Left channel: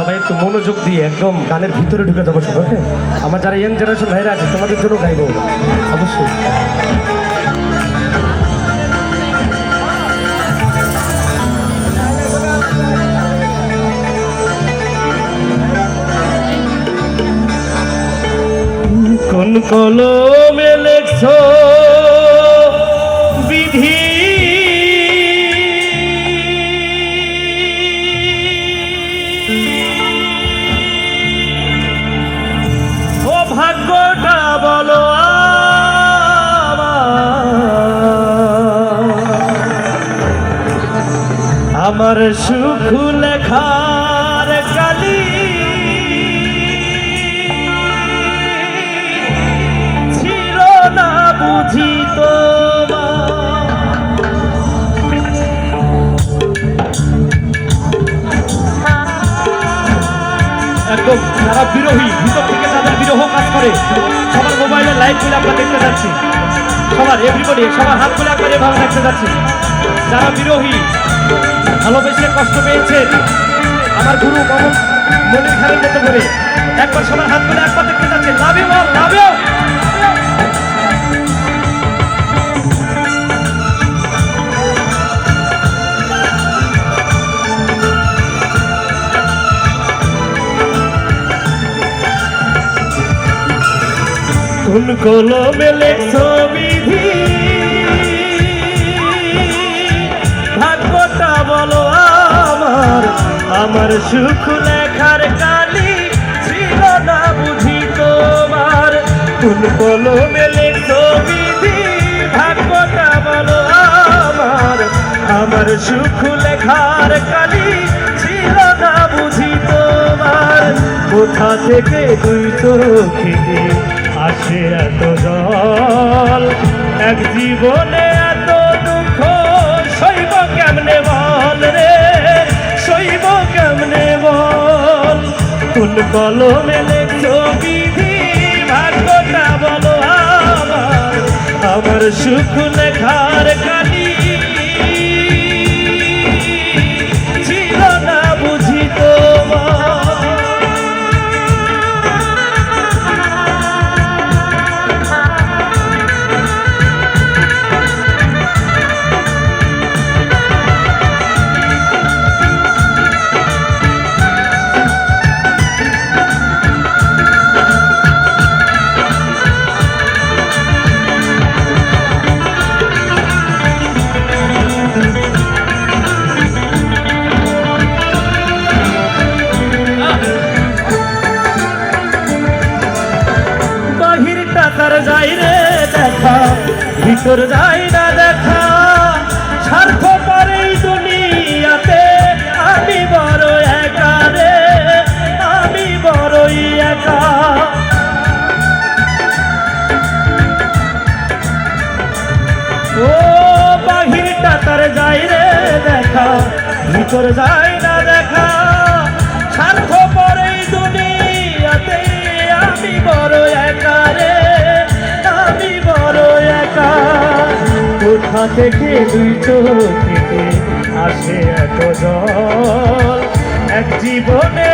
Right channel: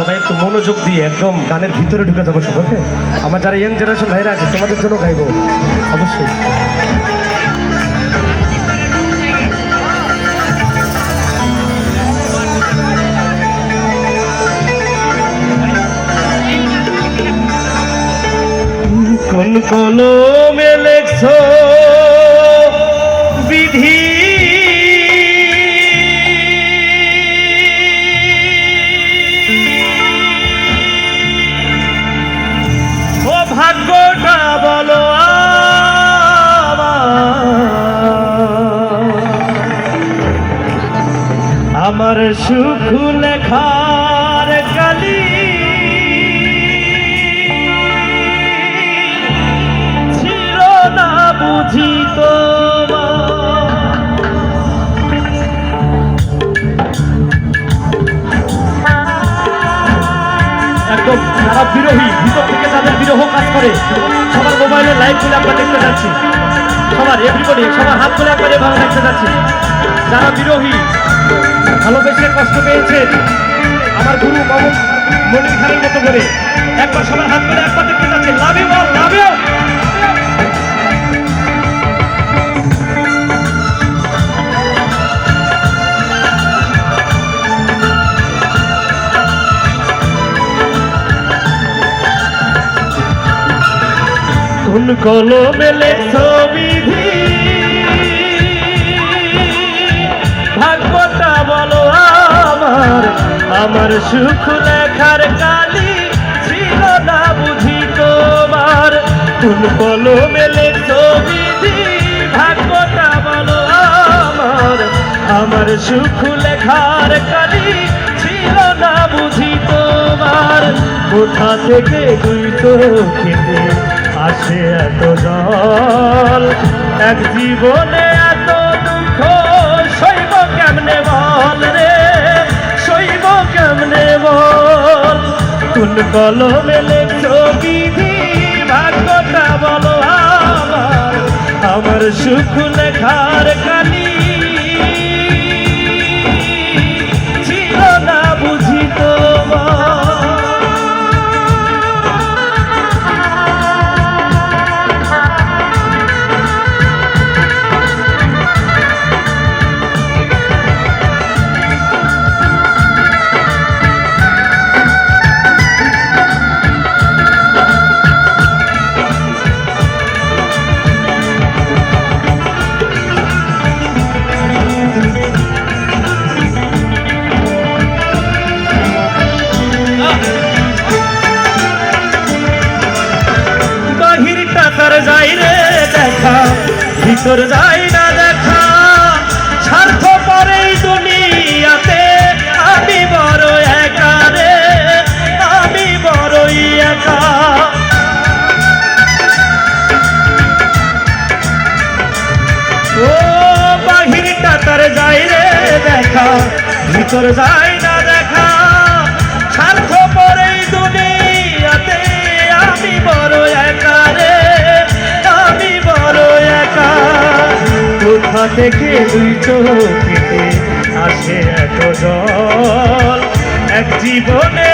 সবাই একটু মনোযোগ দিয়ে একদম গানের ভিতরে ঢুকে যাবো সবাই। আমার যারা ইয়াং জেনারেশন ভাইরা আছে তোমাদের জন্য গাইবো অবশ্যই। কোন কলমে লেখছো বিধি, ও ভাগ্যটা বলো আমার সুখ লেখার কালি ছিল না বুঝি একদম যারা বিরোহী ভিতর থেকে তাদের বিরহ কাজ করে সবার মোবাইলে লাইভ গুলো আমরা দেখতে যাচ্ছি, সবার এভরিবডি সবার হাত গুলো একবার এভাবে দেখতে যাচ্ছি। যারা বিরোহী ভালোবেসে কষ্ট পেয়েছে আমার গুরু মনির খানের মতো করে একবার সবার হাত করে একবার দেখতে যাচ্ছে। Love you love you. কোন কলমে লেখছো বিধি, ভাগ্যটা বলো আমার সুখ লেখার কালি ছিল না বুঝি তোমার। কোন কলমে লেখছো বিধি, ভাগ্যটা বলো আমার সুখ লেখার কালি ছিল না বুঝি তোমার। কোথা থেকে দুই চোখে আসে এত জল, এক জীবনে এত দুঃখ সইব কেমনে বল রে, সইব কেমনে বল। কোন কলমে লেখছো বিধি, ভাগ্যটা বলো আমার সুখ লেখার কালি ছিল না বুঝি তোমার। যাই রে দেখা ভিতর যাই না দেখা, স্বার্থ পরেই দুনিয়াতে আমি বড় একা রে, আমি বড়ই একা। ও বাহিরটা তার যাই রে দেখা ভিতর যাই না দেখা, স্বার্থ পরেই দুনিয়াতে আমি বড় একা রে, আমি বড় একা। কোথা থেকে দুই চোখে আসে এত জল, এক জীবনে